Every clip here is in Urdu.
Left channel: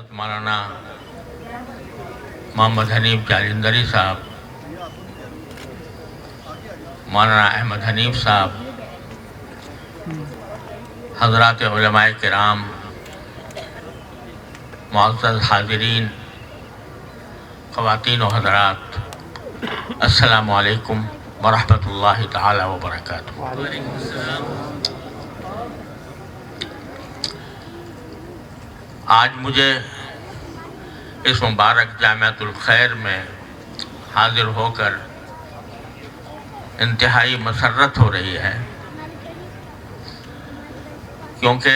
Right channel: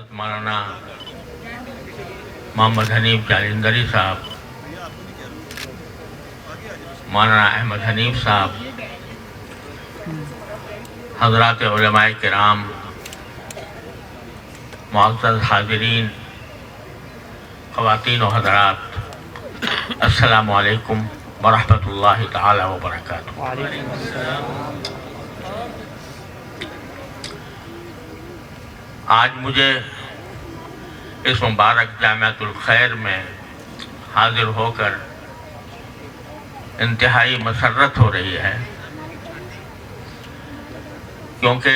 حضرت مولانا محمد حنیف جالندری صاحب، مولانا احمد حنیف صاحب، حضرات علماء کرام، معزز حاضرین، خواتین و حضرات، السلام علیکم ورحمۃ اللہ تعالی وبرکاتہ۔ آج مجھے اس مبارک جامعۃ الخیر میں حاضر ہو کر انتہائی مسرت ہو رہی ہے، کیونکہ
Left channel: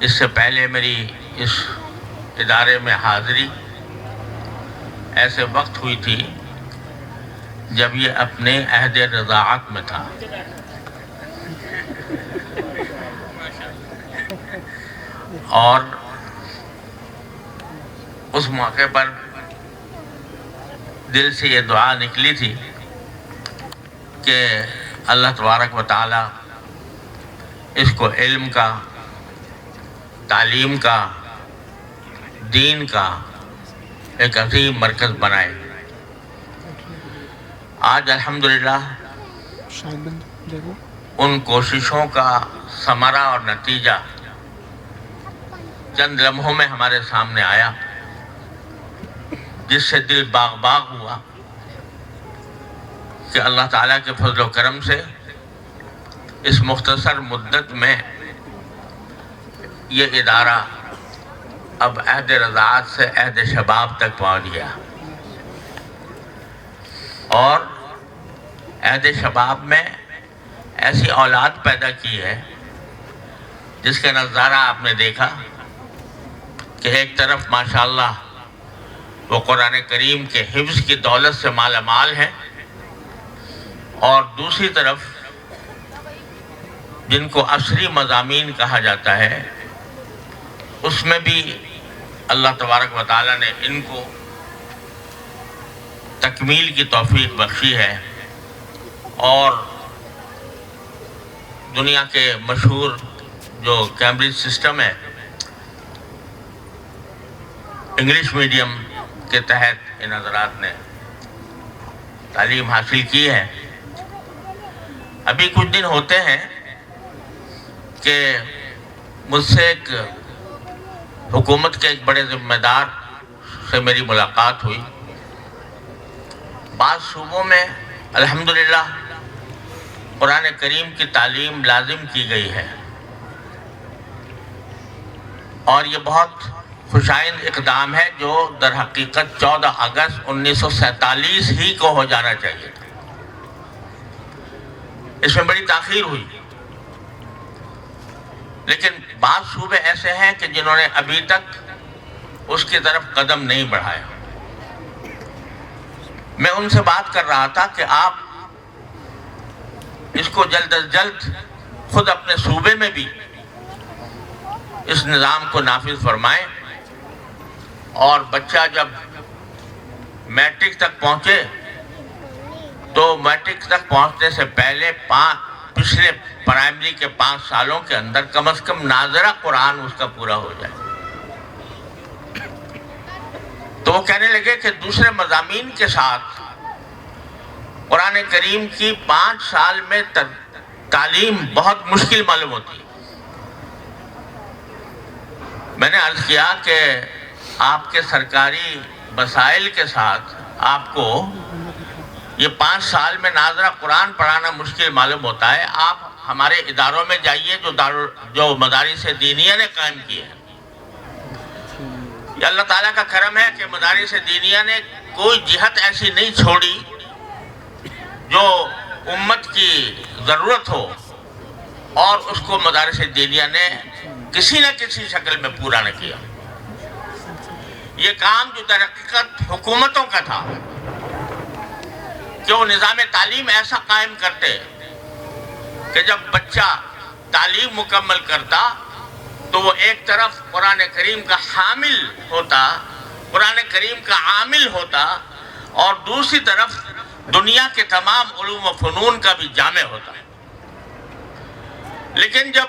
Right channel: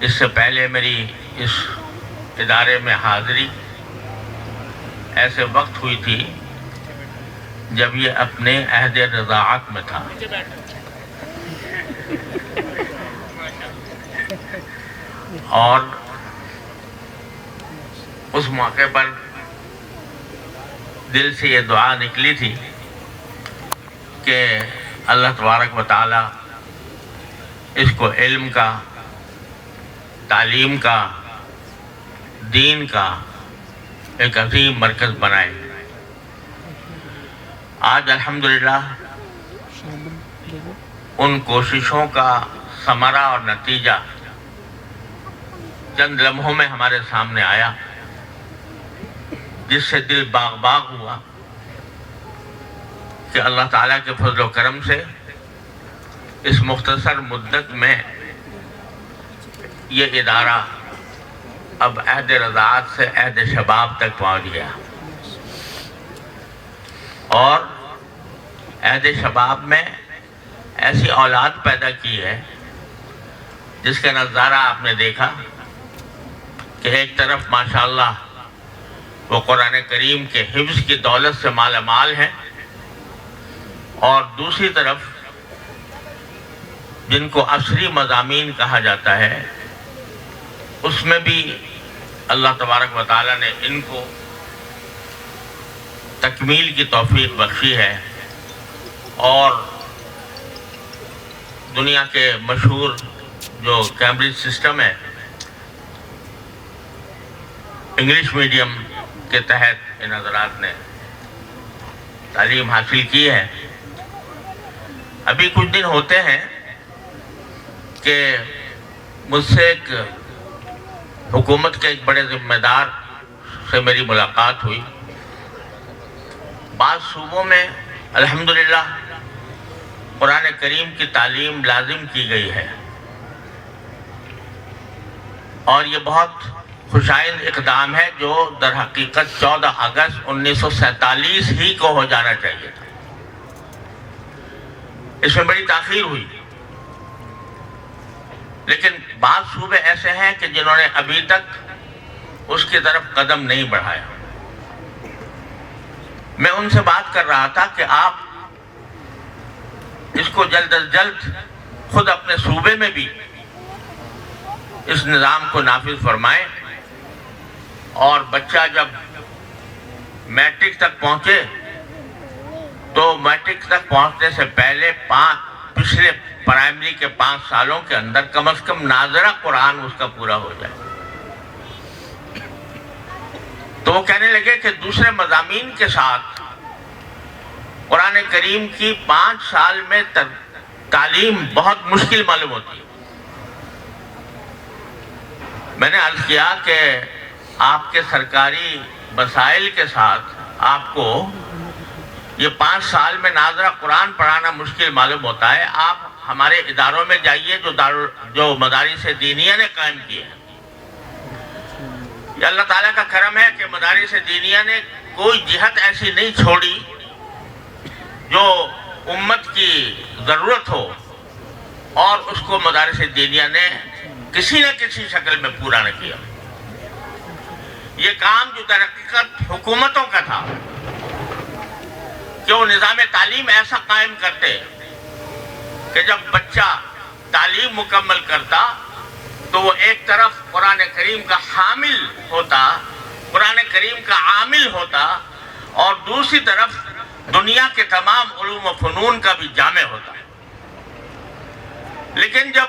اس سے پہلے میری اس ادارے میں حاضری ایسے وقت ہوئی تھی جب یہ اپنے عہد رضاعت میں تھا، اور اس موقع پر دل سے یہ دعا نکلی تھی کہ اللہ تبارک و تعالی اس کو علم کا، تعلیم کا، دین کا ایک عظیم مرکز بنائے۔ آج الحمدللہ ان کوششوں کا ثمرہ اور نتیجہ چند لمحوں میں ہمارے سامنے آیا، جس سے دل باغ باغ ہوا کہ اللہ تعالیٰ کے فضل و کرم سے اس مختصر مدت میں یہ ادارہ اب عہد رضاعت سے عہد شباب تک پہنچ گیا، اور عہد شباب میں ایسی اولاد پیدا کی ہے جس کا نظارہ آپ نے دیکھا کہ ایک طرف ماشاءاللہ وہ قرآن کریم کے حفظ کی دولت سے مالا مال ہے، اور دوسری طرف جن کو عصری مضامین کہا جاتا ہے اس میں بھی اللہ تبارک و تعالیٰ نے ان کو تکمیل کی توفیق بخشی ہے، اور دنیا کے مشہور جو کیمبرج سسٹم ہے، انگلش میڈیم کے تحت ان حضرات نے تعلیم حاصل کی ہے۔ ابھی کچھ دن ہوتے ہیں کہ مجھ سے ایک حکومت کے ایک بڑے ذمہ دار سے میری ملاقات ہوئی۔ بعض صوبوں میں الحمدللہ قرآن کریم کی تعلیم لازم کی گئی ہے، اور یہ بہت خوشائند اقدام ہے جو در حقیقت 14 اگست 1947 ہی کو ہو جانا چاہیے تھا۔ اس میں بڑی تاخیر ہوئی، لیکن بعض صوبے ایسے ہیں کہ جنہوں نے ابھی تک اس کی طرف قدم نہیں بڑھایا۔ میں ان سے بات کر رہا تھا کہ آپ اس کو جلد از جلد خود اپنے صوبے میں بھی اس نظام کو نافذ فرمائیں، اور بچہ جب میٹرک تک پہنچے تو میٹرک تک پہنچنے سے پہلے پچھلے پرائمری کے 5 سالوں کے اندر کم از کم ناظرہ قرآن اس کا پورا ہو جائے۔ تو وہ کہنے لگے کہ دوسرے مضامین کے ساتھ قرآن کریم کی 5 سال میں تعلیم بہت مشکل معلوم ہوتی ہے۔ میں نے عرض کیا کہ آپ کے سرکاری مسائل کے ساتھ آپ کو یہ 5 سال میں ناظرہ قرآن پڑھانا مشکل معلوم ہوتا ہے، آپ ہمارے اداروں میں جائیے جو مدارس دینیہ نے قائم کیے ہیں۔ یہ اللہ تعالیٰ کا کرم ہے کہ مدارس دینیہ نے کوئی جہت ایسی نہیں چھوڑی جو امت کی ضرورت ہو، اور اس کو مدارس دینیہ نے کسی نہ کسی شکل میں پورا نہ کیا۔ یہ کام جو در حقیقت حکومتوں کا تھا کہ وہ نظام تعلیم ایسا قائم کرتے کہ جب بچہ تعلیم مکمل کرتا تو وہ ایک طرف قرآن کریم کا حامل ہوتا، قرآن کریم کا عامل ہوتا، اور دوسری طرف دنیا کے تمام علوم و فنون کا بھی جامع ہوتا ہے۔ لیکن جب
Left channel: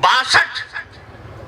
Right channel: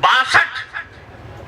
62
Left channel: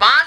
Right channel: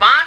5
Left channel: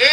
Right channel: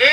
A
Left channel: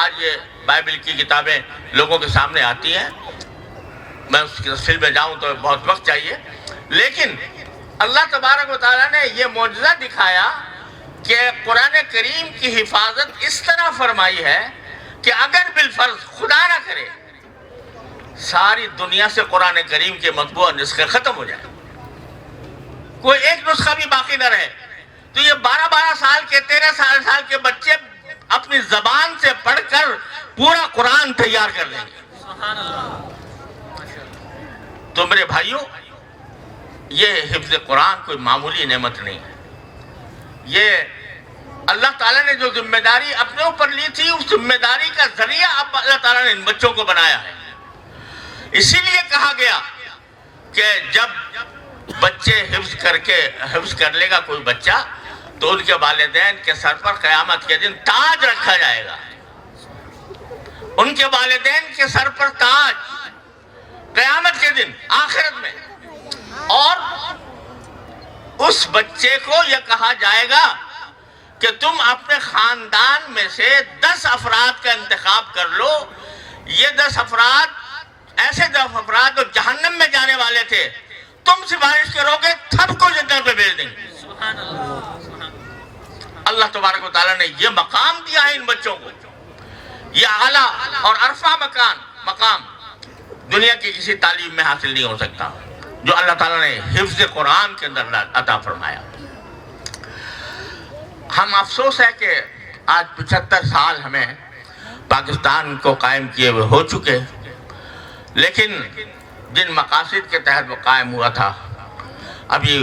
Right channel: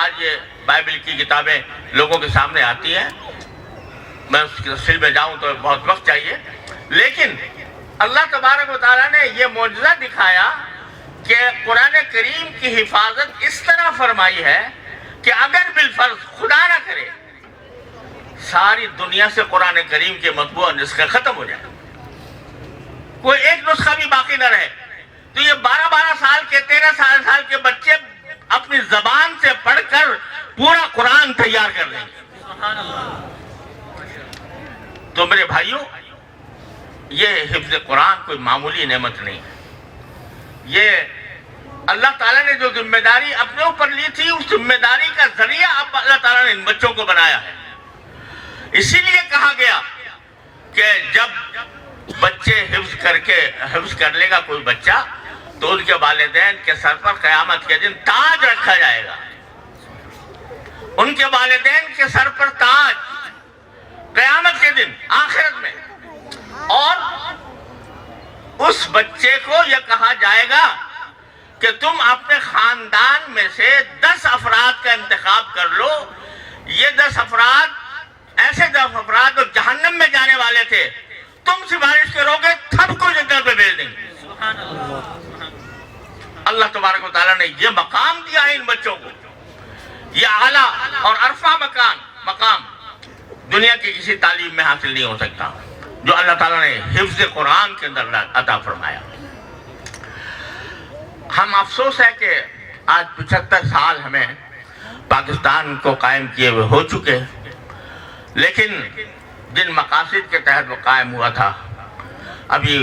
آج یہ بائبل کی کتابیں لوگوں کے سامنے آتی ہیں. میں اس کی تفصیل میں جاؤں تو بہت وقت چاہیے، لیکن اللہ تبارک و تعالیٰ نے یہ معجزہ دکھایا کہ قرآن کریم کی حفاظت اس طرح فرمائی ہے کہ اگر بالفرض خدا نہ کرے ساری دنیا سے قرآن کریم کے مطبوع نسخے ختم ہو جائیں، کوئی ایک نسخہ بھی باقی نہ رہے، تو یہ 12 سال کے 13 سال کے بچے اپنی زبان سے پڑھ کر پورا قرآن تیار کر دیں گے. تو میرے بھائیوں، یہ حفظ قرآن کوئی معمولی نعمت نہیں ہے. یہ اللہ تعالیٰ نے جو ذمہ داری اپنے اوپر لی تھی، اس ذمہ داری کا ذریعہ اب اللہ تعالیٰ نے ان بچوں کو بنایا ہے. اسی لیے کہا گیا کہ جب بچے حفظ کر لے گا کوئی بچہ، تو ان کے والدین کے سر پر قیامت کے دن تاج رکھا جائے گا. ان کے والدین کے سر پر تاج قیامت کے دن آخرت میں. اور اس بچے کو یہ کہا جائے گا کہ تم اپنے خاندان میں سے 10 افراد کا انتخاب کر لو. یہ 10 افراد ایسے 10 افراد جو جہنم میں جانے والے تھے، تم سفارش کرو گے سب کو جنت میں بھیج دیں گے. اللہ تبارک و تعالیٰ نے یہ مقام دیا ہے ان بچوں کو. یہ اعلیٰ اور عرفہ مقام دنیا کی کسی تعلیم میں حاصل نہیں ہو سکتا جو اللہ تعالیٰ نے حفظ قرآن کے اندر عطا فرمایا. ہم افسوس ہے کہ آج 75 سال ہمیں پاکستان کو قائم کیے ہوئے ہو چکے، لیکن جن مقاصد کے تحت وہ قائم ہوا تھا ابھی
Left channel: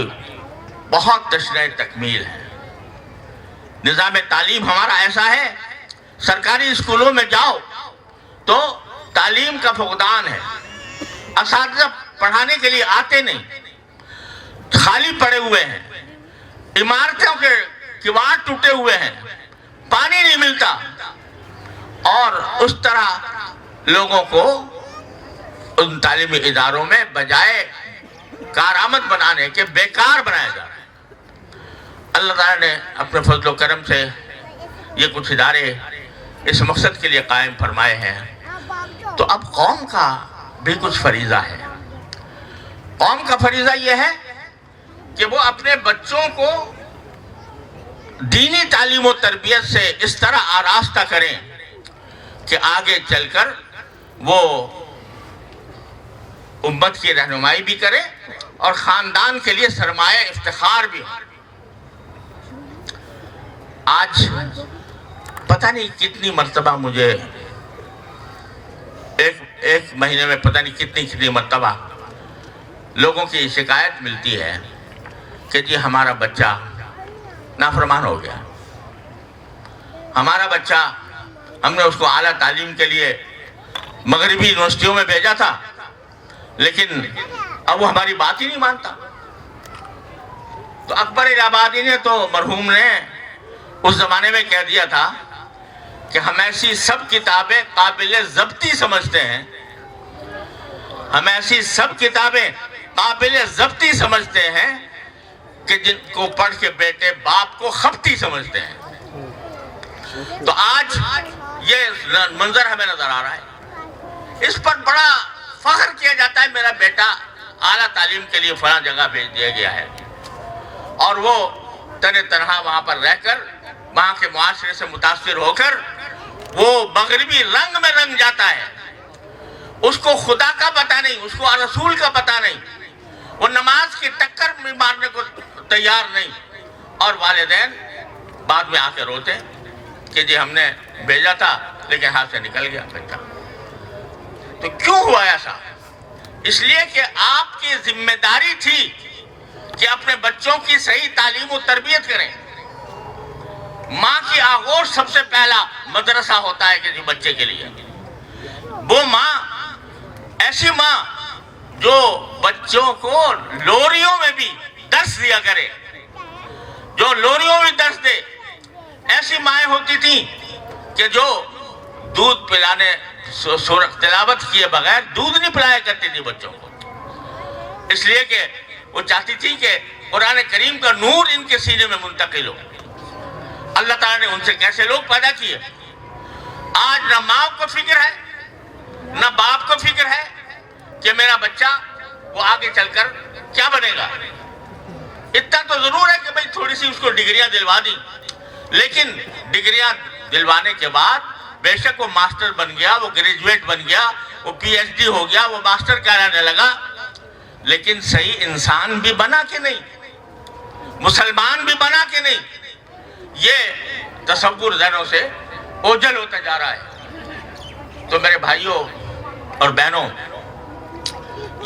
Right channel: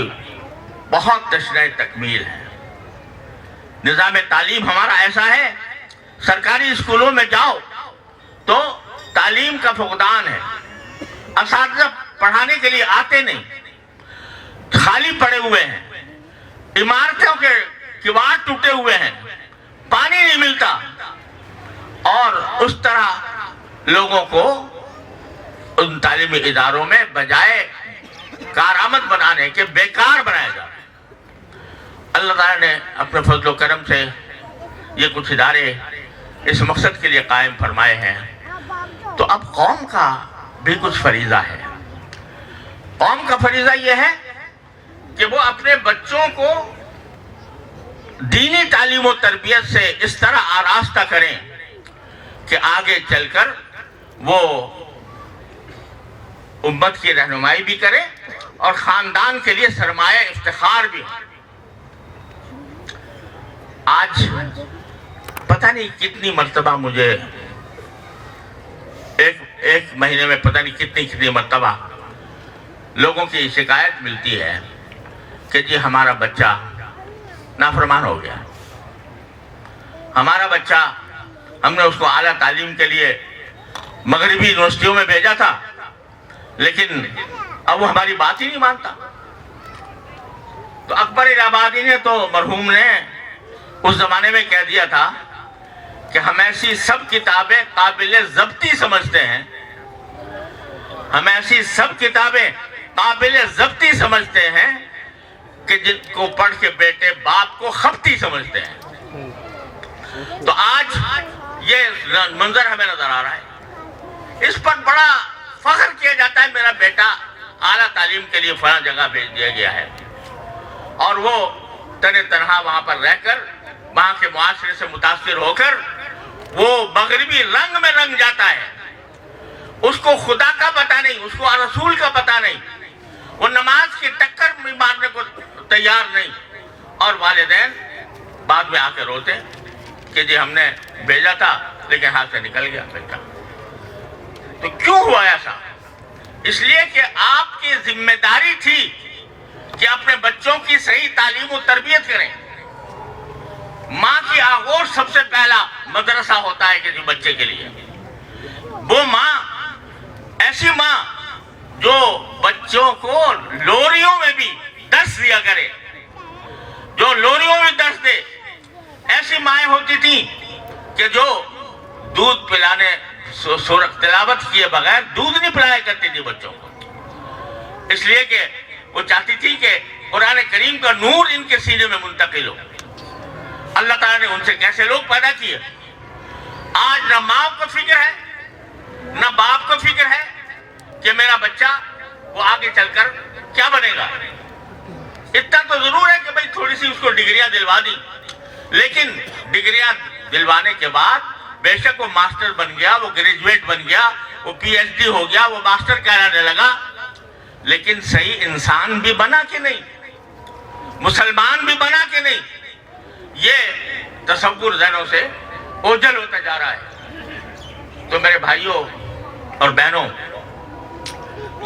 بہت تشنہ تکمیل ہے. نظام تعلیم ہمارا ایسا ہے، سرکاری اسکولوں میں جاؤ تو تعلیم کا فقدان ہے. اساتذہ پڑھانے کے لیے آتے نہیں، خالی پڑے ہوئے ہیں، عمارتوں کے کواڑ ٹوٹے ہوئے ہیں، پانی نہیں ملتا، اور اس طرح لوگوں کو ان تعلیمی اداروں میں بجائے کارآمد بنانے کے بیکار بنایا جا رہا ہے. اللہ تعالیٰ نے اپنے فضل و کرم سے یہ کچھ ادارے اس مقصد کے لیے قائم فرمائے ہیں. تو اب قوم کا بھی کچھ فریضہ ہے. قوم کا فریضہ یہ ہے کہ وہ اپنے بچوں کو دینی تعلیم و تربیت سے اس طرح آراستہ کریں کہ آگے چل کر وہ امت کی رہنمائی بھی کرے اور خاندان کے لیے سرمایہ افتخار بھی ہو. آج پتہ نہیں کتنی مرتبہ مجھے ایک مہینے میں پتہ نہیں کتنی مرتبہ لوگوں کی شکایت ملتی ہے کہ جی ہمارا بچہ نافرمان ہو گیا، ہمارا بچہ ہم نے اس کو اعلیٰ تعلیم کے لیے مغربی یونیورسٹیوں میں بھیجا تھا، لیکن اب وہ ہماری بات ہی نہیں مانتا. تو اکبر الہآبادی نے تو مرحوم نے اس زمانے میں کہہ دیا تھا کہ ہم ایسی سب کتابیں قابل ضبطی سمجھتے ہیں، ہم ایسی سب کتابیں قابل ضبطی سمجھتے ہیں کہ جن کو پڑھ کے بیٹے باپ کو خپتی سمجھتے ہیں. تو آج یہ منظر ہمیں نظر آ رہا ہے. اس پر بڑا فخر کیا جاتا ہے میرا بیٹا اعلیٰ تعلیم کے لیے فلاں جگہ بھیج دیا گیا ہے، اور وہ تنہا وہاں پر رہ کر وہاں کے معاشرے سے متاثر ہو کر وہ مغربی رنگ میں رنگ جاتا ہے. اس کو خدا کا پتہ نہیں، اس کو رسول کا پتہ نہیں، وہ نماز کی ٹکر مارنے کو تیار نہیں، اور والدین بعد میں آ کے روتے کہ جی ہم نے بھیجا تھا لیکن ہاتھ سے نکل گیا بیٹا. تو کیوں ہوا ایسا؟ اس لیے کہ آپ کی ذمہ داری تھی کہ اپنے بچوں کی صحیح تعلیم و تربیت کریں. ماں کی آغوش سب سے پہلا مدرسہ ہوتا ہے کسی بچے کے لیے. وہ ماں، ایسی ماں جو بچوں کو لوریوں میں بھی درس دیا کرے، جو لوریوں میں درس دے. ایسی مائیں ہوتی تھیں کہ جو دودھ پلانے تلاوت کیے بغیر دودھ نہیں پلایا کرتی تھی بچوں کو، اس لیے کہ وہ چاہتی تھی کہ قرآن کریم کا نور ان کے سینے میں منتقل ہو. اللہ تعالیٰ نے ان سے کیسے لوگ پیدا کیے، آج نہ ماں کو فکر ہے نہ باپ کو فکر ہے کہ میرا بچہ وہ آگے چل کر کیا بنے گا. اتنا تو ضرور ہے کہ بھئی تھوڑی سی اس کو ڈگریاں دلوا دی، لیکن ڈگریاں دلوانے کے بعد بے شک وہ ماسٹر بن گیا، وہ گریجویٹ بن گیا، وہ پی ایچ ڈی ہو گیا، وہ ماسٹر کہلانے لگا، لیکن صحیح انسان بھی بنا کہ نہیں، مسلمان بھی بنا کہ نہیں، یہ تصور ذہنوں سے اوجھل ہوتا جا رہا ہے. تو میرے بھائیوں اور بہنوں،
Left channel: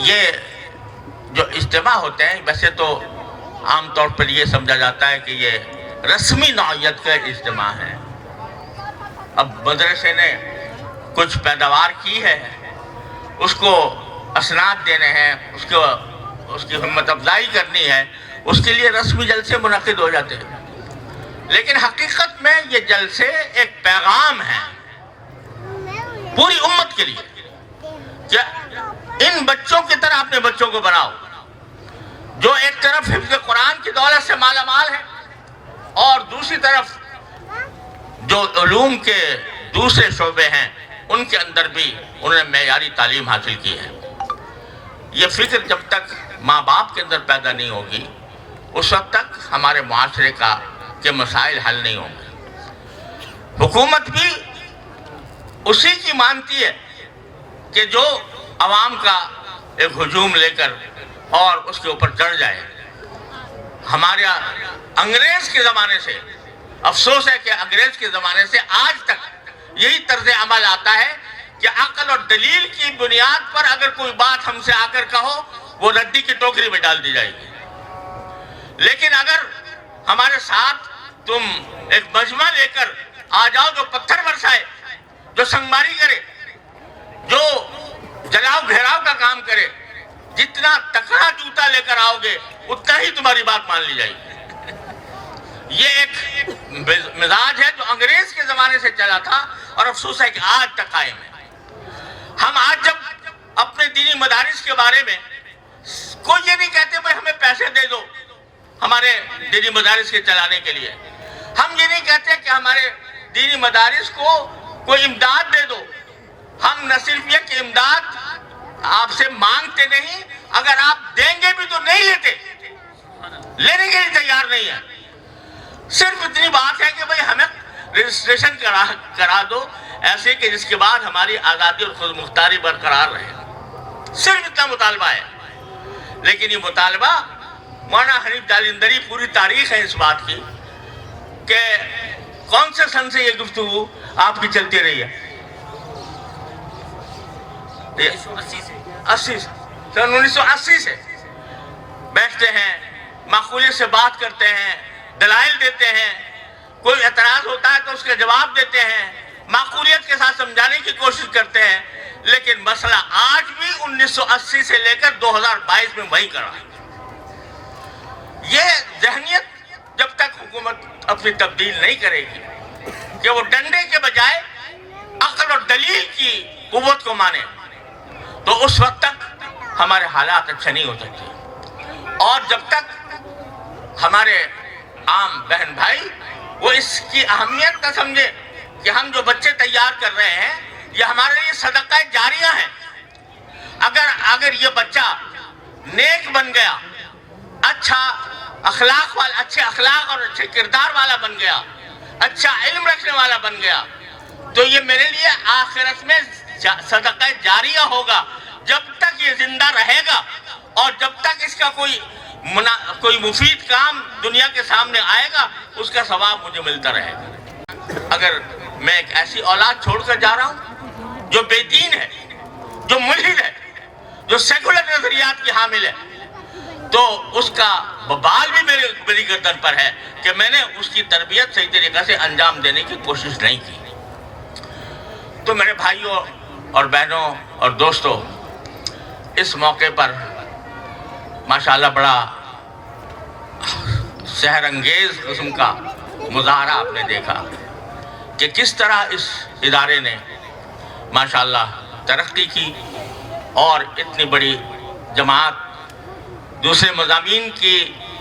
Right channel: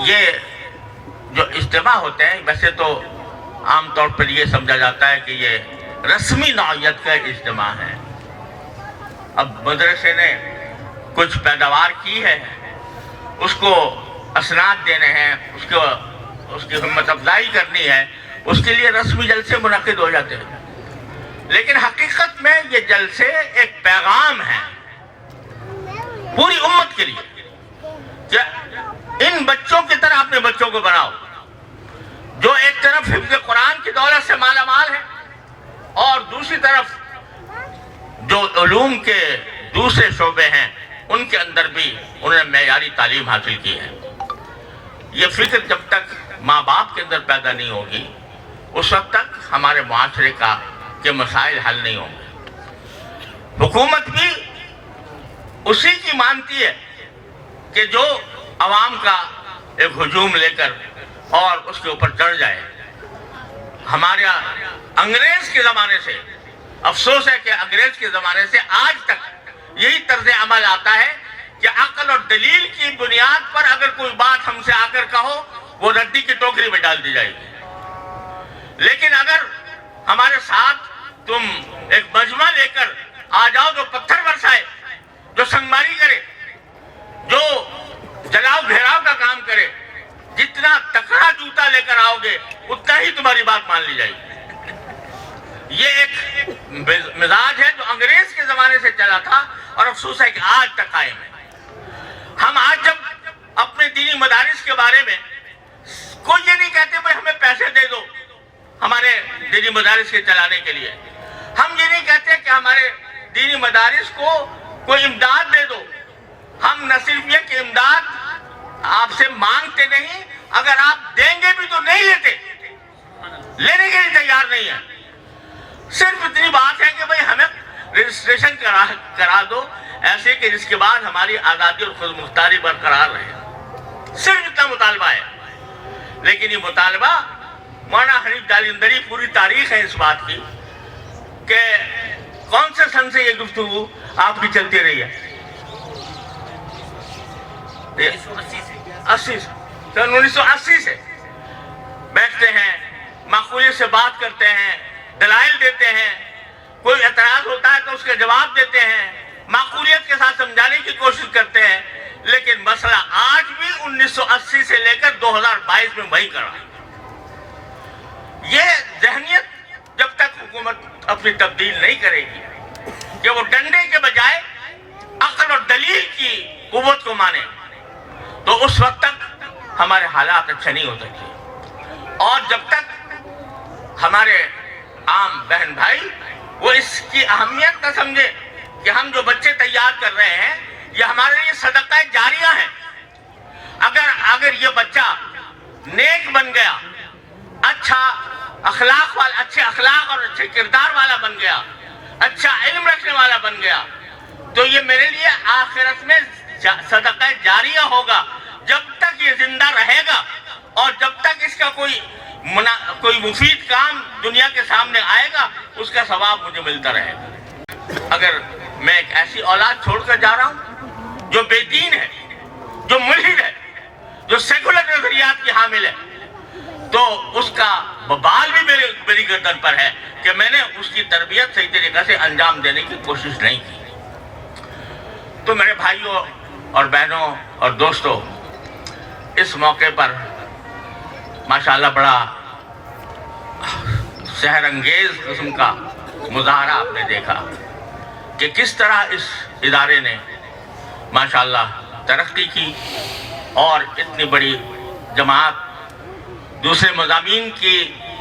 یہ جو اجتماع ہوتے ہیں ویسے تو عام طور پر یہ سمجھا جاتا ہے کہ یہ رسمی نوعیت کا اجتماع ہے. اب مدرسے نے کچھ پیداوار کی ہے، اس کو اسناد دینے ہیں، اس کی ہمت افزائی کرنی ہے، اس کے لیے رسمی جلسے منعقد ہو جاتے ہیں. لیکن حقیقت میں یہ جلسے ایک پیغام ہے پوری امت کے لیے کہ ان بچوں کی طرح اپنے بچوں کو بناؤ جو ایک طرف حفظ قرآن کی دولت سے مالا مال ہے اور دوسری طرف جو علوم کے دوسرے شعبے ہیں ان کے اندر بھی انہوں نے معیاری تعلیم حاصل کی ہے. یہ فکر جب تک ماں باپ کے اندر پیدا نہیں ہوگی اس وقت تک ہمارے معاشرے کے مسائل حل نہیں ہوں گے. حکومت بھی اسی کی مانتی ہے کہ جو عوام کا ایک ہجوم لے کر اور اس کے اوپر چڑھ جائے. ہمارے انگریز کے زمانے سے افسوس ہے کہ انگریز کے زمانے سے آج تک یہی طرز عمل آتا ہے کہ عقل اور دلیل کی بنیاد پر اگر کوئی بات ہم سے آ کر کہو وہ رڈی کی ٹوکری میں ڈال دی جائے گی. لیکن اگر ہمارے ساتھ تم ایک مجمع لے کر آ جاؤ جو پتھر برسائے، جو سنگماری کرے، جو جلاؤ گھیراؤ کا کام کرے، جتنا تکڑا جوتا لے کر آؤ گے اتنا ہی تمہاری بات مان لی جائے گی. یہ ایک مزاج ہے جو انگریز کے زمانے سے چلا تھا اور افسوس ہے کہ آج تک قائم ہے. ہم آج جب اپنے دینی مدارس کے بارے میں کوئی یہ نہیں کہتے بھائی ہمیں پیسے دے دو ہمارے دینی مدارس کے چلانے کے لیے، ہم یہ نہیں کہتے کہ ہمارے دینی مدارس کو کوئی امداد دے دو. ہم نہ صرف یہ کہ امداد آپ سے مانگتے نہیں، اگر آپ دیں گے بھی تو نہیں لیتے، لینے کے لیے تیار نہیں ہے. صرف اتنی بات ہے کہ بھئی ہمیں رجسٹریشن کرا دو ایسے کہ جس کے بعد ہماری آزادی اور خود مختاری برقرار رہے. صرف اتنا مطالبہ ہے. لیکن یہ مطالبہ مولانا حنیف جالندری پوری تاریخ ہے اس بات کی کہ کون سے سن سے یہ گفتگو آپ کی چلتی رہی ہے؟ 1980 سے بیٹھتے ہیں، معقولیت سے بات کرتے ہیں، دلائل دیتے ہیں، کوئی اعتراض ہوتا ہے تو اس کا جواب دیتے ہیں، معقولیت کے ساتھ سمجھانے کی کوشش کرتے ہیں. لیکن مسئلہ آج بھی 1980 سے لے کر 2022 میں وہی کر رہا ہے. یہ ذہنیت جب تک حکومت اپنی تبدیل نہیں کرے گی کہ وہ ڈنڈے کے بجائے عقل اور دلیل کی قوت کو مانے تو اس وقت تک ہمارے حالات اچھے نہیں ہو سکتے. اور جب تک ہمارے عام بہن بھائی وہ اس کی اہمیت نہ سمجھے کہ ہم جو بچے تیار کر رہے ہیں یہ ہمارے لیے صدقہ جاریہ ہے. اگر یہ بچہ نیک بن گیا، اچھے اخلاق اور اچھے کردار والا بن گیا، اچھا علم رکھنے والا بن گیا تو یہ میرے لیے آخرت میں صدقہ جاریہ ہوگا. جب تک یہ زندہ رہے گا اور جب تک اس کا کوئی مفید کام دنیا کے سامنے آئے گا اس کا ثواب مجھے ملتا رہے گا. اگر میں ایک ایسی اولاد چھوڑ کر جا رہا ہوں جو بے دین ہے، جو ملحد ہے، جو سیکولر نظریات کی حامل ہے تو اس کا بال بھی میری گردن پر ہے کہ میں نے اس کی تربیت صحیح طریقے سے انجام دینے کی کوشش نہیں کی. تو میرے بھائیوں اور بہنوں اور دوستوں، اس موقع پر ماشاءاللہ بڑا سحر انگیز قسم کا مظاہرہ آپ نے دیکھا کہ کس طرح اس ادارے نے ماشاءاللہ ترقی کی اور اتنی بڑی جماعت دوسرے مضامین کی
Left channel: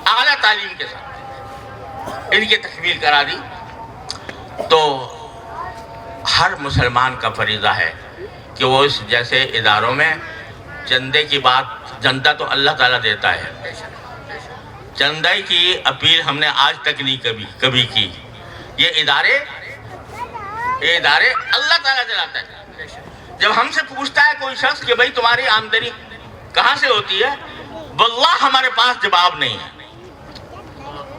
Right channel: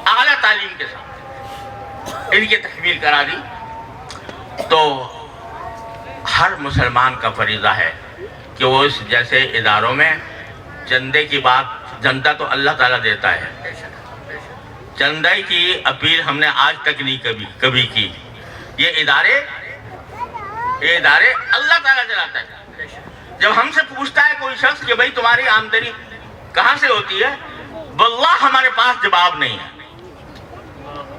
اعلیٰ تعلیم کے ساتھ ان کی تکمیل کرا دی. تو ہر مسلمان کا فریضہ ہے کہ وہ اس جیسے اداروں میں چندے کی بات، چندہ تو اللہ تعالیٰ دیتا ہے، چندے کی اپیل ہم نے آج تک نہیں کبھی کی. یہ ادارے اللہ تعالیٰ چلاتا ہے. جب ہم سے پوچھتا ہے کوئی شخص کہ بھائی تمہاری آمدنی کہاں سے ہوتی ہے، واللہ ہمارے پاس جواب نہیں ہے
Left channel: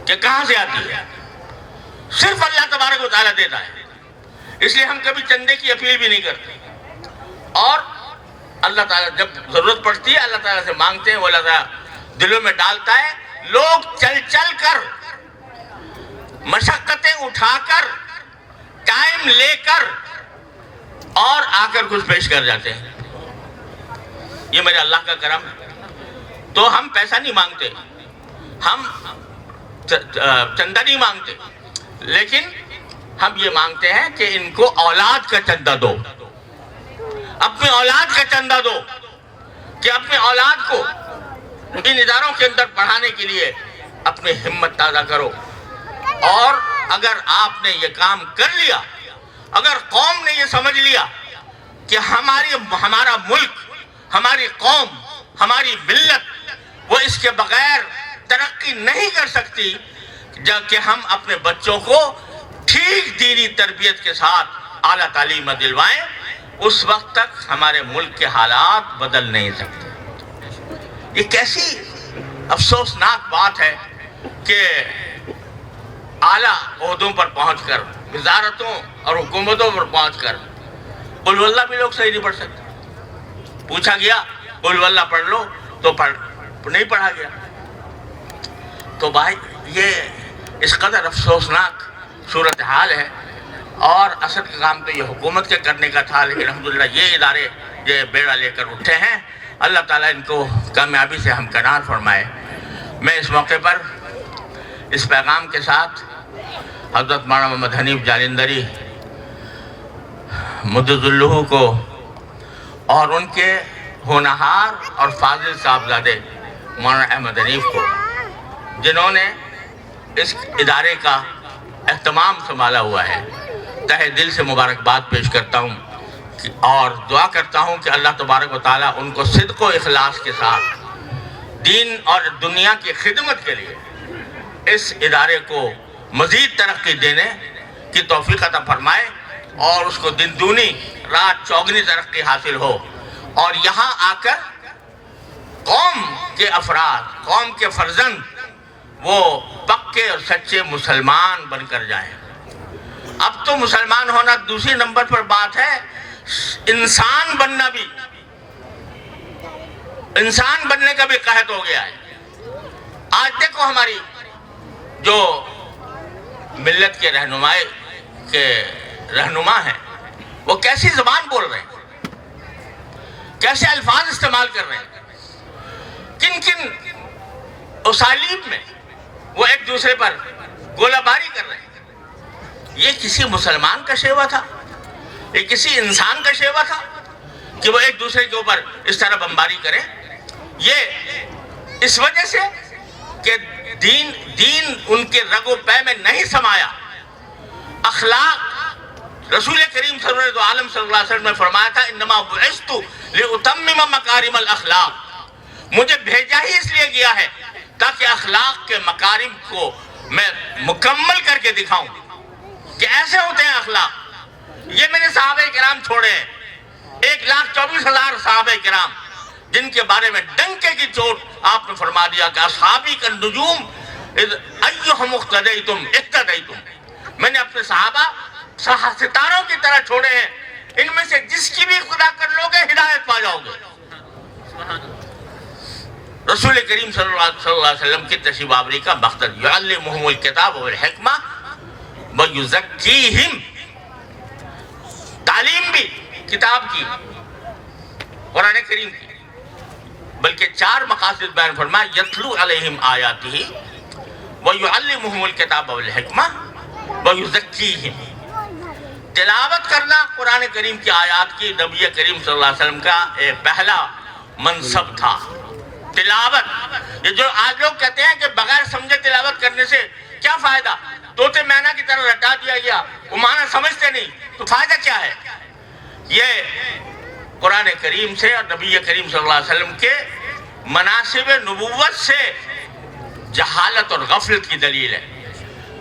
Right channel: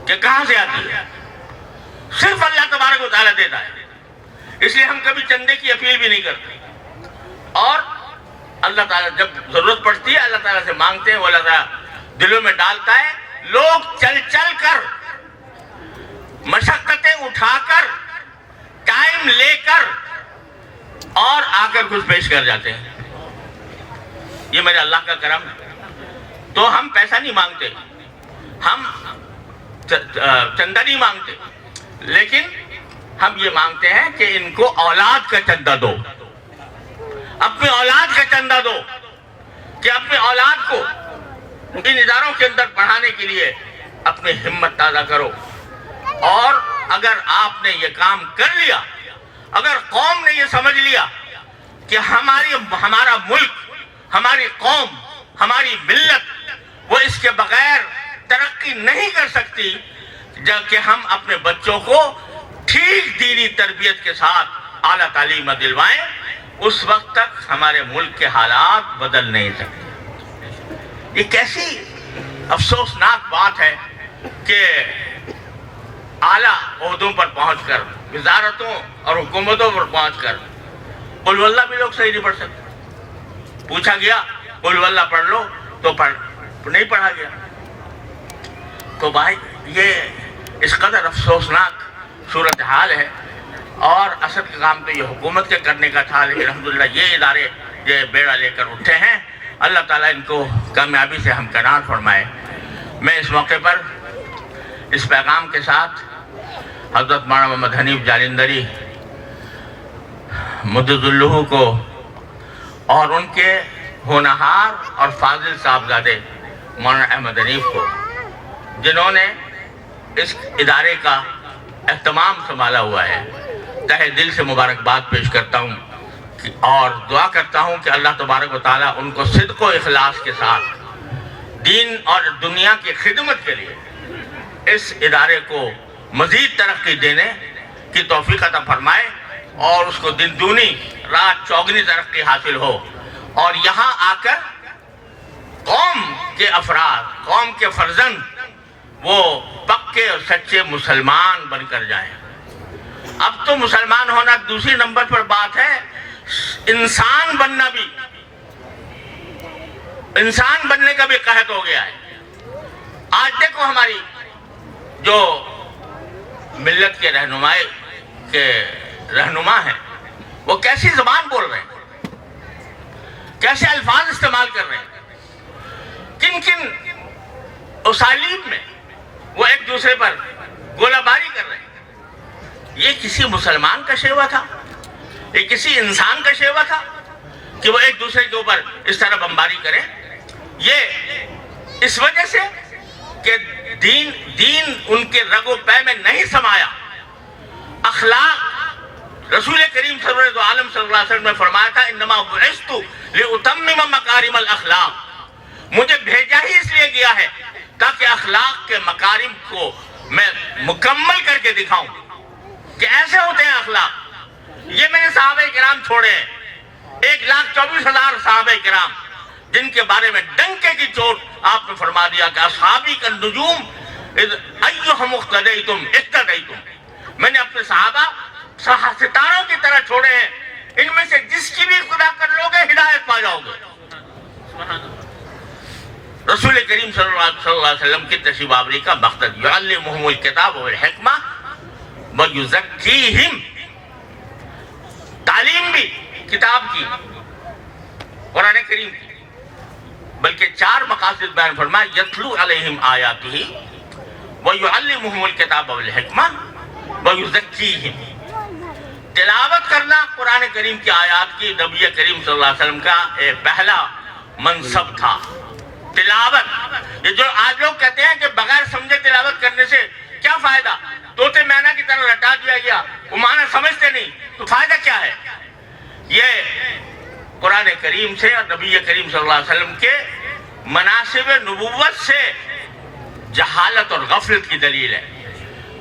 کہ کہاں سے آتی ہے، صرف اللہ تبارک و تعالیٰ دیتا ہے. اس لیے ہم کبھی چندے کی اپیل بھی نہیں کرتے. اور اللہ تعالیٰ جب ضرورت پڑتی ہے اللہ تعالیٰ سے مانگتے ہیں، وہ اللہ تعالیٰ دلوں میں ڈالتا ہے. لوگ چل چل کر، مشقتیں اٹھا کر، ٹائم لے کر اور آ کر کچھ پیش کر جاتے ہیں. یہ میرے اللہ کا کرم ہے. تو ہم پیسہ نہیں مانگتے، ہم چندہ نہیں مانگتے، لیکن ہم یہ مانگتے ہیں کہ ان کو اولاد کا چندہ دو، اپنی اولاد کا چندہ دو، کہ اپنے اولاد کو ان اداروں کے اندر پڑھانے کے لیے اپنی ہمت تازہ کرو. اور اگر آپ نے یہ کام کر لیا، اگر قوم نے یہ سمجھ لیا کہ ہمارا ملک، ہماری قوم، ہماری ملت وہ اس کے بغیر ترقی نہیں کر سکتی، جب کہ ہم اپنے بچوں کو ٹھیک دینی تربیت کے ساتھ اعلیٰ تعلیم دلوائیں، اس وقت تک ہمارے ملک کے حالات بدل نہیں سکتے. یہ کیسی افسوسناک بات ہے کہ اعلیٰ عہدوں پر پہنچ کر، وزارتوں اور حکومتوں پر پہنچ کر قل واللہ بھی لوگ صحیح نہیں پڑھ سکتے. پوچھا گیا قل واللہ پڑھ لو تو نہیں پڑھا گیا. تو بھائی یہ اس قدر افسوسناک صورتحال ہے. اور اصل کا کام تو یہ حکومت کے کرنے کا تھا، لیکن الحمدللہ یہ ادارے یہ بیڑا لے کر اٹھے ہیں. اللہ تعالیٰ ان کو کامیابی سے ہمکنار فرمائے. میں اس موقع پر اس پیغام کے ساتھ حضرت مولانا محمد حنیف جالندری مدد اللہ کو اور ان کے ہونہار اور فاضل صاحبزادے مولانا احمد حنیف کو، جنہوں نے اس ادارے کا اہتمام سنبھالا ہوا ہے، تہہ دل سے مبارکباد پیش کرتا ہوں اور دعا کرتا ہوں کہ اللہ تبارک و تعالیٰ ان کو صدق و اخلاص کے ساتھ دین اور دنیا کی خدمت کے لیے اس ادارے کو مزید ترقی دینے کی توفیق عطا فرمائے اور اس کو دن دونی رات چوگنی ترقی حاصل ہو، اور یہاں آ کر قوم کے افراد، قوم کے فرزند وہ پکے اور سچے مسلمان بن کر جائیں. اب تو مسلمان ہونا دوسری نمبر پر بات ہے، انسان بننا بھی، انسان بننے کا بھی قحط ہو گیا ہے. آج دیکھو ہماری جو ملت کے رہنما ہیں وہ کیسی زبان بول رہے ہیں، کیسے الفاظ استعمال کر رہے ہیں، کن کن اسالیب میں وہ ایک دوسرے پر گولہ باری کر رہے ہیں. یہ کسی مسلمان کا شیوا تھا؟ یہ کسی انسان کا شیوا تھا کہ وہ ایک دوسرے کے اوپر اس طرح بمباری کریں؟ یہ اس وجہ سے کہ دین ان کے رگ و پے میں نہیں سمایا. اخلاق، رسول کریم صلی اللہ علیہ وسلم نے فرمایا تھا انما بعثت لاتمم مکارم الاخلاق، مجھے بھیجا ہی اس لیے گیا ہے تاکہ اخلاق کے مکارم کو میں مکمل کر کے دکھاؤں کہ ایسے ہوتے ہیں اخلاق. یہ میں نے صحابہ کرام چھوڑے ہیں، 1,24,000 صحابہ کرام، جن کے بارے میں ڈنکے کی چوٹ آپ نے فرما دیا کہ اصحابی کا نجوم ایہم اقتدیتم اقتدیتم. میں نے اپنے صحابہ ستاروں کی طرح چھوڑے ہیں، ان میں سے جس کی بھی خدا کر لو گے ہدایت پا جاؤ گے. رسول کریم صلی اللہ علیہ وسلم کی تشریف آوری کا مقصد یعلمہم الکتاب والحکمہ ویزکیہم، تعلیم بھی کتاب کی، قرآن کریم کی، بلکہ 4 مقاصد بیان فرمایا، یتلو علیہم آیاتہ ویعلمہم الکتاب والحکمہ ویزکیہم. تلاوت کرنا قرآن کریم کی آیات کی نبی کریم صلی اللہ علیہ وسلم کا ایک پہلا منصب تھا. تلاوت، یہ جو آج لوگ کہتے ہیں کہ بغیر سمجھے تلاوت کرنے سے کیا فائدہ، طوطے مینا کی طرح رٹا دیا گیا، وہ معنی سمجھتے نہیں. تو فائدہ کیا ہے؟ یہ قرآن کریم سے اور نبی کریم صلی اللہ علیہ وسلم کے مناسب نبوت سے جہالت اور غفلت کی دلیل ہے۔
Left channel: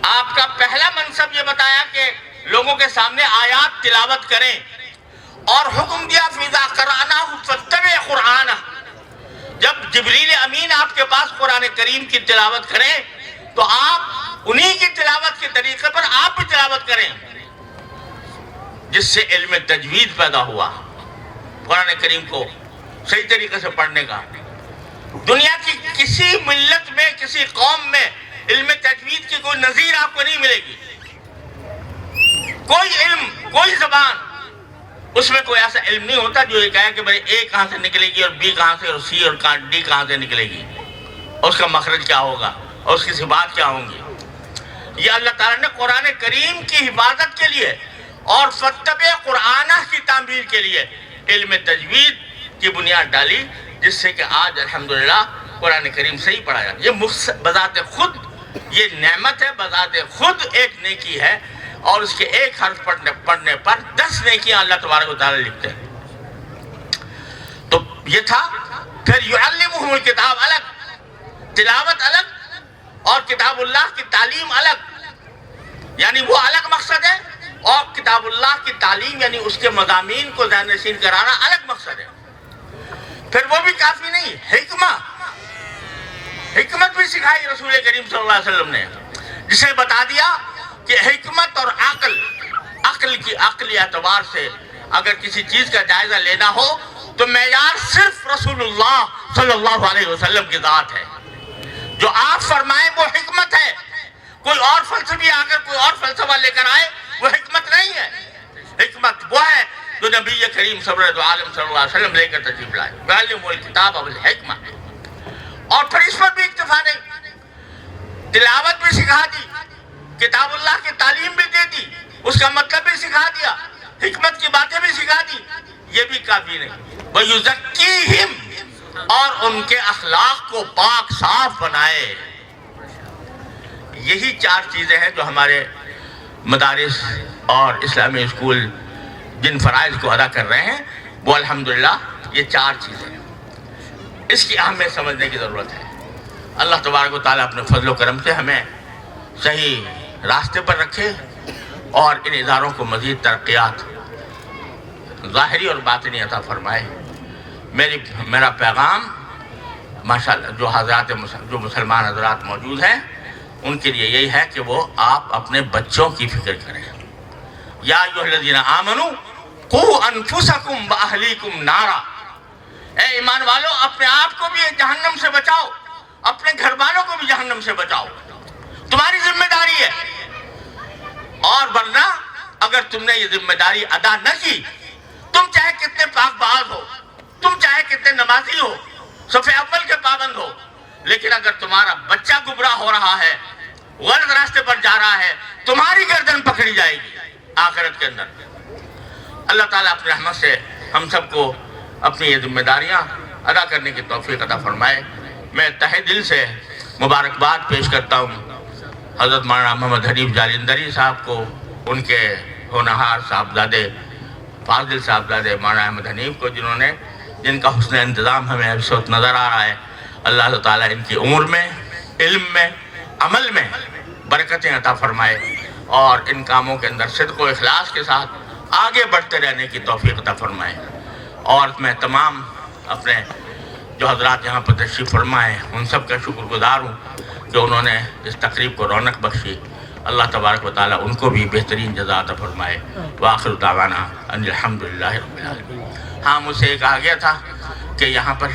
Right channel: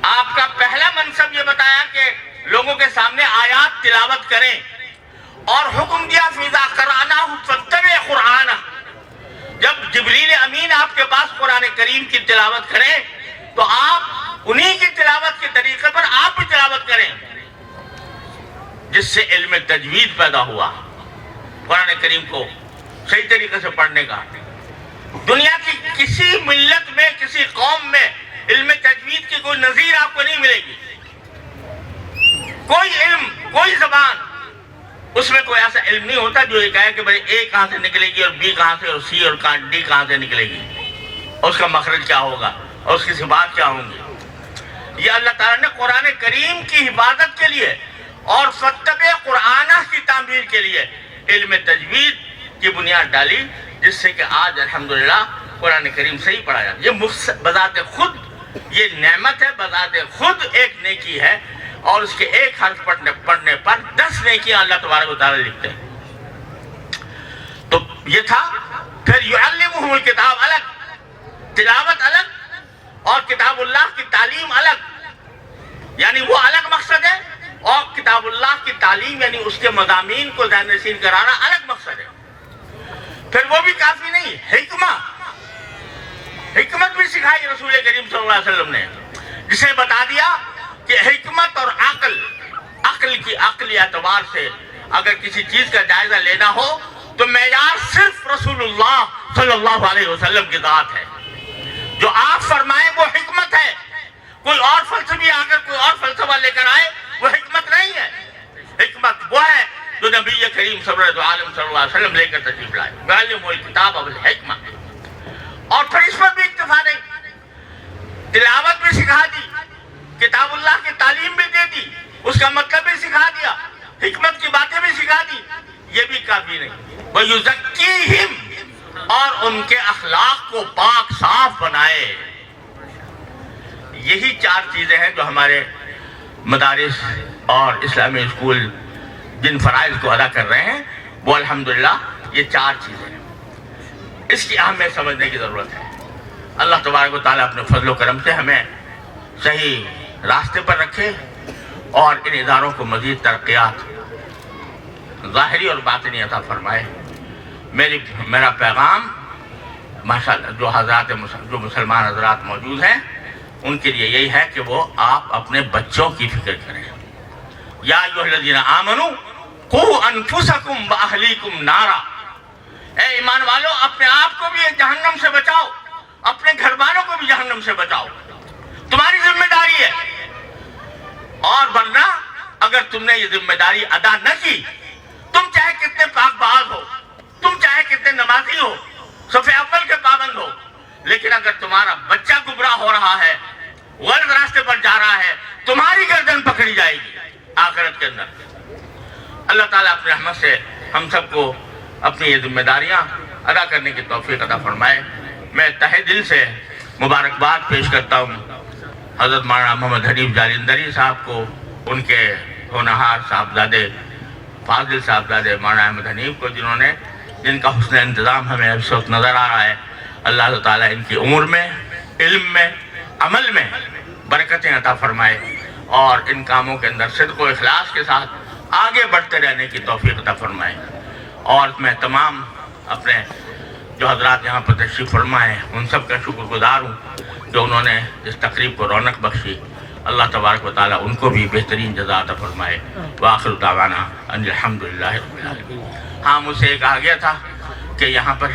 آپ کا پہلا منصب یہ بتایا کہ لوگوں کے سامنے آیات تلاوت کریں، اور حکم دیا فِإِذَا قَرَأْنَاهُ فَاتَّبِعْ قُرْآنَهُ، جب جبریل امین آپ کے پاس قرآن کریم کی تلاوت کریں تو آپ انہی کی تلاوت کے طریقے پر آپ بھی تلاوت کریں، جس سے علم تجوید پیدا ہوا، قرآن کریم کو صحیح طریقے سے پڑھنے کا۔ دنیا کی کسی ملت میں، کسی قوم میں علم تجوید کی کوئی نظیر آپ کو نہیں ملے گی۔ کوئی علم، کوئی زبان، اس میں کوئی ایسا علم نہیں ہوتا جو یہ کہے کہ بھئی اے کہاں سے نکلے گی اور بی کہاں سے اور سی اور ڈی کہاں سے نکلے گی، اور اس کا مخرج کیا ہوگا اور اس کی صفات کیا ہوں گی۔ یہ اللہ تعالیٰ نے قرآن کریم کی حفاظت کے لیے اور فَاتَّبِعْ قُرْآنَهُ کی تعمیر کے لیے علم تجوید کی بنیاد ڈالی، جس سے کہ آج الحمدللہ قرآن کریم صحیح پڑھا جاتا ہے۔ یہ بذات خود یہ نعمت ہے، بذات خود ایک نیکی ہے، اور اس کے ایک حرف پڑھنے پر 10 نیکیاں اللہ تبارک و تعالیٰ لکھتے ہیں۔ تو یہ تھا۔ پھر یعلمہم الکتاب الگ، تلاوت الگ، اور کتاب اللہ کی تعلیم الگ، یعنی وہ الگ مقصد ہے، اور کتاب اللہ کی تعلیم یعنی اس کے مضامین کو ذہن نشین کرانا الگ مقصد ہے۔ پھر وہ بھی کافی نہیں، حکمت بھی سکھائی رسول کریم صلی اللہ علیہ وسلم نے، جسے بتا دیا کہ حکمت اور عقل کی عقلی اعتبار سے اگر کسی چیز کا جائزہ لینا ہو تو معیار صرف رسول اللہ صلی اللہ علیہ وسلم کی ذات ہے۔ جو آپ فرمائیں وہ حکمت ہے، کوئی اور فلسفی اگر کوئی اور فلسفہ لے کر آئے وہ حکمت نہیں ہے۔ حکمت وہ ہے جو نبی کریم صلی اللہ علیہ وسلم لے کر تشریف لائے، یعلمہم الکتاب والحکمہ۔ اور پھر اس پر بھی اکتفا نہیں، تلاوت بھی سکھا دی، کتاب اللہ کی تعلیم بھی دے دی، اس کا مطلب بھی سکھا دیا، حکمت کی باتیں بھی سکھا دی۔ یہ بھی کافی نہیں، وَيُزَكِّيهِمْ، اور ان کے اخلاق کو پاک صاف بنائے۔ یہی 4 چیزیں ہیں جو ہمارے مدارس اور اسلامی اسکول جن فرائض کو ادا کر رہے ہیں، وہ الحمدللہ یہ 4 چیزیں ہیں۔ اس کی اہمیت سمجھنے کی ضرورت ہے۔ اللہ تبارک و تعالیٰ اپنے فضل و کرم سے ہمیں صحیح راستے پر رکھے اور ان اداروں کو مزید ترقیات ظاہری اور باطنی عطا فرمائے۔ میرا پیغام ماشاءاللہ جو مسلمان حضرات موجود ہیں ان کے لیے یہی ہے کہ وہ آپ اپنے بچوں کی فکر کریں۔ یا ایھا الذین آمنوا قوا انفسکم واہلیکم نارا، اے ایمان والو اپنے آپ کو بھی جہنم سے بچاؤ، اپنے گھر والوں کو بھی جہنم سے بچاؤ، تمہاری ذمہ داری ہے۔ اور ورنہ اگر تم نے یہ ذمہ داری ادا نہ کی، تم چاہے کتنے پاک باز ہو، تم چاہے کتنے نمازی ہو، صف اول کے پابند ہو، لیکن اگر تمہارا بچہ گمراہ ہو رہا ہے، غلط راستے پر جا رہا ہے، تمہاری گردن پکڑی جائے گی آخرت کے اندر۔ اللہ تعالیٰ اپنے رحمت سے ہم سب کو اپنی یہ ذمہ داریاں ادا کرنے کی توفیق عطا فرمائے۔ میں تہہ دل سے مبارکباد پیش کرتا ہوں حضرت مولانا محمد حنیف جالندری صاحب کو، ان کے ہونہار صاحبزادے فاضل صاحبزادے مولانا احمد حنیف کو، جن کا حسن انتظام ہمیں اس وقت نظر آ رہا ہے۔ اللہ تعالیٰ ان کی عمر میں، علم میں، عمل میں برکتیں عطا فرمائے، اور ان کاموں کے اندر صدق و اخلاص کے ساتھ آگے بڑھتے رہنے کی توفیق عطا فرمائے۔ اور میں تمام اپنے جو حضرات یہاں پر تشریف فرمائے ان سب کا شکر گزار ہوں کہ انہوں نے اس تقریب کو رونق بخشی۔ اللہ تبارک و تعالیٰ ان کو بھی بہترین جزا عطا فرمائے۔ وآخر دعوانا ان الحمدللہ رب العالمین۔ ہاں، مجھ سے ایک آ گیا تھا کہ یہاں پر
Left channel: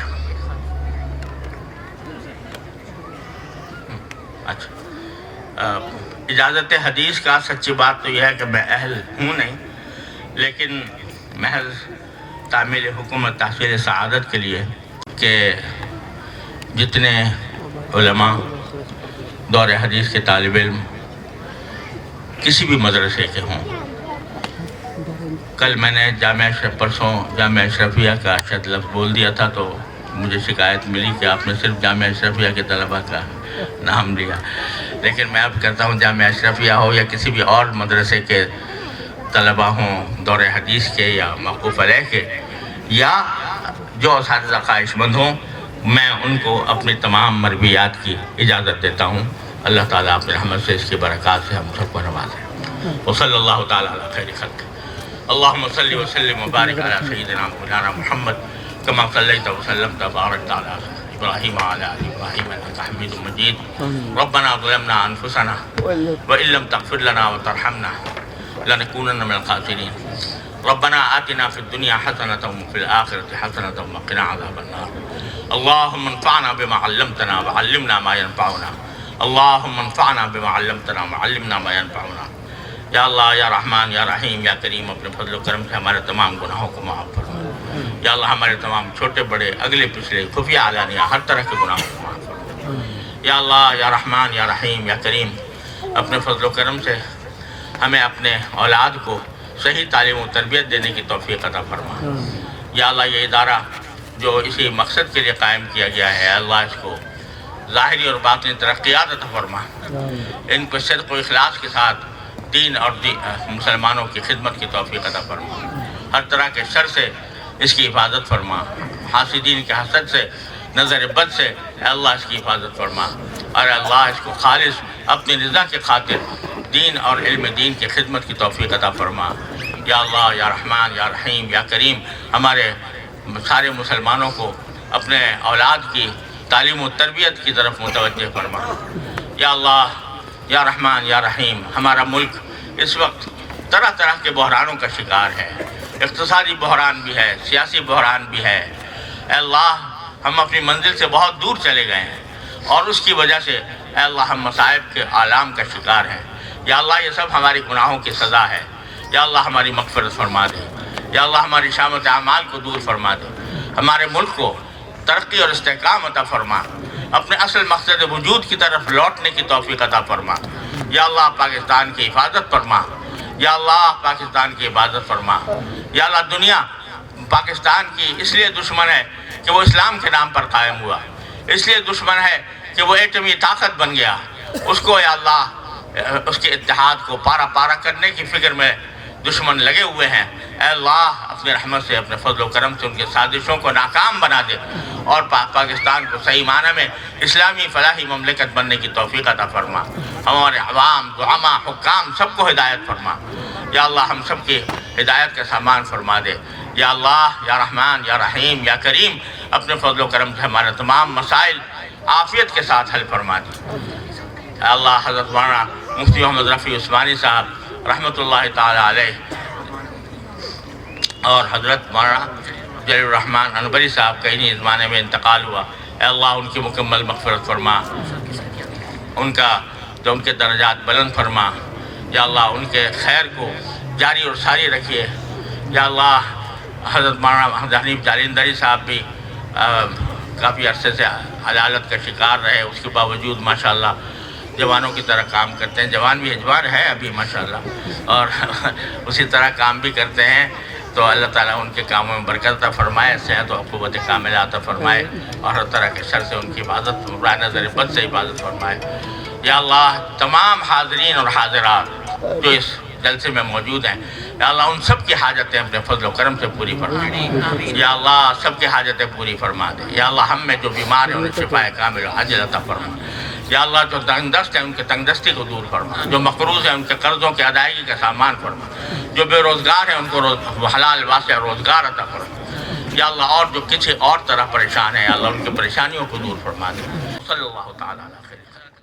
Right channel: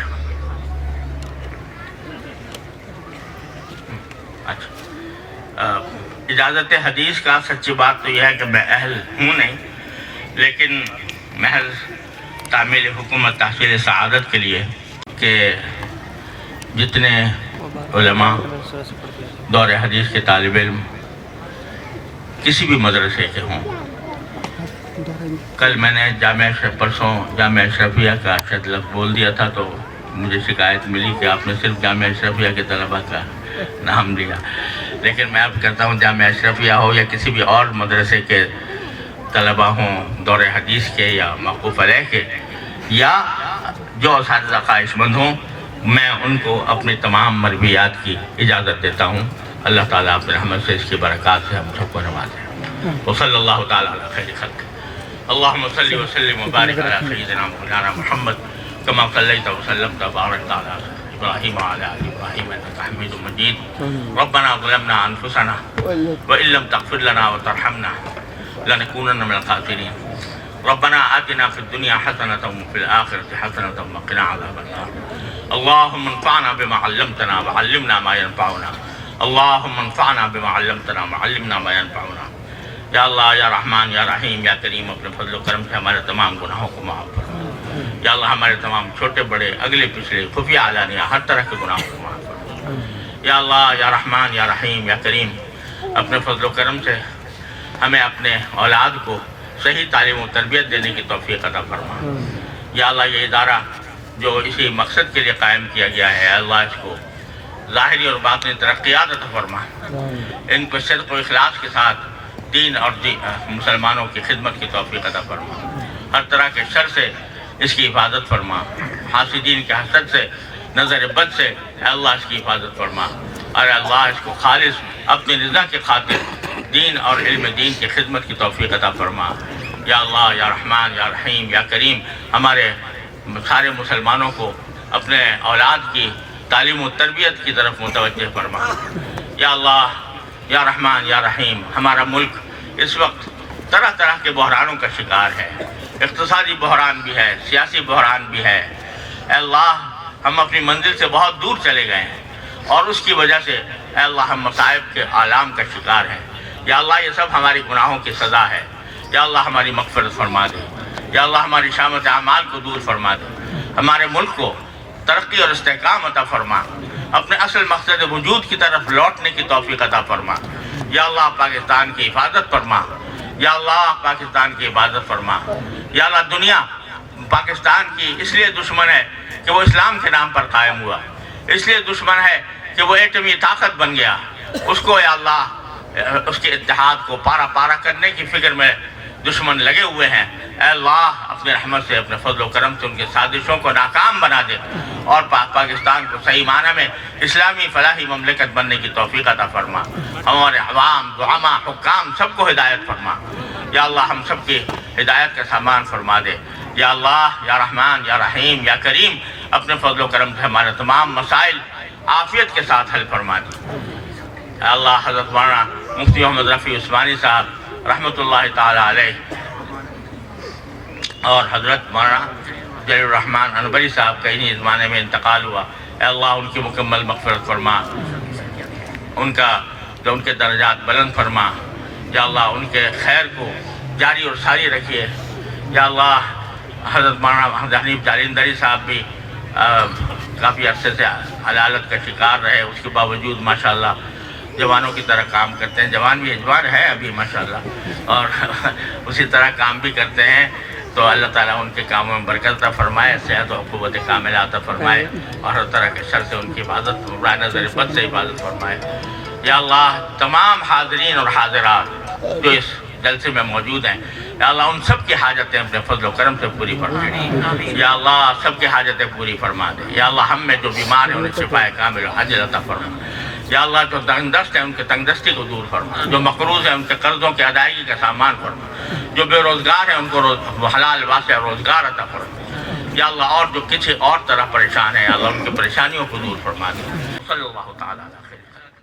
اجازت حدیث کا سچی بات تو یہ ہے کہ میں اہل ہوں نہیں، لیکن محض تعمیل حکومت تحصیل سعادت کے لیے کہ جتنے علماء دور حدیث کے طالب علم کسی بھی مدرسے کے ہوں، کل میں نے پرسوں جامعہ اشرفیہ کا شاید لفظ بول دیا تھا تو مجھے شکایت ملی کہ آپ نے صرف جامعہ اشرفیہ کے طلباء کا نام لیا، لیکن میں اب کہتا ہوں جامعہ اشرفیہ ہو یا کسی بھی اور مدرسے کے طلبہ ہوں دور حدیث کے یا موقوف علیہ کے یا جو اساتذہ خواہش مند ہوں، میں ان کو اپنی تمام مرویات کی اجازت دیتا ہوں۔ اللہ تعالیٰ اپنے رحمت سے اس کی برکات سے ہم سب کو نوازے۔ وصلی اللہ تعالیٰ علی خیر خلق۔ اللہم صلی وسلم وبارک علی سیدنا مولانا محمد کما صلیت وسلمت وبارکت علی ابراہیم وعلی آل ابراہیم انک حمید مجید۔ ربنا ظلمنا انفسنا وان لم تغفر لنا وترحمنا لنکونن من الخاسرین۔ ربنا آتنا في الدنيا حسنة وفي الآخرة حسنة وقنا عذاب النار۔ اللهم انفعنا بما علمتنا وعلمنا ما ينفعنا۔ اللهم انفعنا بما علمتنا وعلمنا ما ينفعنا۔ یا اللہ یا رحمان یا رحیم یا کریم، اپنے فضل و کرم سے ہمارے تمام گناہوں کو معاف فرما۔ یا اللہ ہمارے تمام چھوٹے بڑے اگلے پچھلے خفیہ علانیہ ہر طرح کے گناہوں کو معاف فرما۔ یا اللہ یا رحمان یا رحیم یا کریم، اپنے فضل و کرم سے ہمیں اپنے اولاد کو صحیح تعلیم و تربیت دینے کی توفیق عطا فرما۔ یا اللہ یہ ادارہ جو اسی مقصد کے لیے قائم کیا گیا ہے، اللہ اس کو ظاہری اور باطنی ترقیات عطا فرما۔ ان کو صدق و اخلاص کے ساتھ دین اور مسلمانوں کی خدمت کی توفیق عطا فرما۔ ہر طرح کے شر سے اس کی حفاظت فرما، حاسدین کے حسد سے، نظر بد سے اے اللہ اس کی حفاظت فرما، اور اللہ اس کو خالص اپنی رضا کے خاطر دین اور علم دین کی خدمت کی توفیق عطا فرما۔ یا اللہ یا رحمان یا رحیم یا کریم، ہمارے سارے مسلمانوں کو اپنے اولاد کی تعلیم و تربیت کی طرف متوجہ فرما۔ یا اللہ یا رحمان یا رحیم، ہمارا ملک اس وقت طرح طرح کے بحرانوں کا شکار ہے، اقتصادی بحران بھی ہے، سیاسی بحران بھی ہے۔ اے اللہ ہم اپنی منزل سے بہت دور چلے گئے ہیں اور اس کی وجہ سے اے اللہ ہم مصائب کے عالم کا شکار ہیں۔ یا اللہ یہ سب ہماری گناہوں کی سزا ہے۔ یا اللہ ہماری مغفرت فرما دے۔ یا اللہ ہماری شامت اعمال کو دور فرما دے، ہمارے ملک کو ترقی اور استحکام عطا فرما، اپنے اصل مقصد وجود کی طرف لوٹنے کی توفیق عطا فرما۔ یا اللہ پاکستان کی حفاظت فرما۔ یا اللہ پاکستان کی عبادت فرما۔ یا اللہ دنیا پاکستان کی اس لیے دشمن ہے کہ وہ اسلام کے نام پر قائم ہوا، اس لیے دشمن ہے کہ وہ ایٹمی طاقت بن گیا، اس کو یا اللہ اس کے اتحاد کو پارا پارا کرنے کی فکر میں دشمن لگے ہوئے ہیں۔ اے اللہ اپنے رحمت سے، اپنے فضل و کرم سے ان کے سازشوں کو ناکام بنا دے اور پاکستان کو صحیح معنی میں اسلامی فلاحی مملکت بننے کی توفیق عطا فرما۔ ہمارے عوام، زعماء، حکام سب کو ہدایت فرما۔ یا اللہ ہم سب کی ہدایت کا سامان فرما دے۔ یا اللہ یا رحمان یا رحیم یا کریم، اپنے فضل و کرم سے ہمارے تمام مسائل عافیت کے ساتھ حل فرما دے۔ یا اللہ حضرت مولانا مفتی محمد رفیع عثمانی صاحب رحمۃ اللہ تعالی علیہ اور حضرت مولانا جلیل الرحمن انوری صاحب کا انہی زمانے میں انتقال ہوا، اے اللہ ان کی مکمل مغفرت فرما، ان کے درجات بلند فرما۔ یا اللہ ان کے خیر کو جاری اور ساری رکھیے۔ یا اللہ حضرت مولانا حنیف جالندری صاحب بھی کافی عرصے سے عدالت کا شکار رہے، اس کے باوجود ماشاءاللہ جوانوں کی طرح کام کرتے ہیں، جوان بھی جوان ہے ابھی ماشاءاللہ، اور اسی طرح کام بھی کرتے ہیں۔ تو اللہ تعالیٰ ان کے کاموں میں برکت عطا فرمائے، صحت و قوت کاملہ عطا فرمائے، اور ہر طرح کے شر سے ان کی حفاظت، برائے نظر بد سے حفاظت فرمائے۔ یا اللہ تمام حاضرین اور حاضرات جو اس جلسے میں موجود ہیں، یا اللہ ان سب کی حاجتیں اپنے فضل و کرم سے پوری فرما دے۔ یا اللہ سب کی حاجتیں پوری فرما دے۔ یا اللہ ہم میں جو بیمار ہیں انہیں شفا کامل و عاجل عطا فرما۔ یا اللہ جو تنگ دست ہیں ان کے تنگ دستی کو دور فرما، جو مقروض ہیں ان کے قرضوں کی ادائیگی کا سامان فرما، جو بے روزگار ہیں ان کو حلال واسع روزگار عطا فرما۔ یا اللہ اور جو کسی اور طرح پریشان ہیں، یا اللہ ان کی پریشانیوں کو دور فرما دے۔ صلی اللہ تعالیٰ علیہ وسلم۔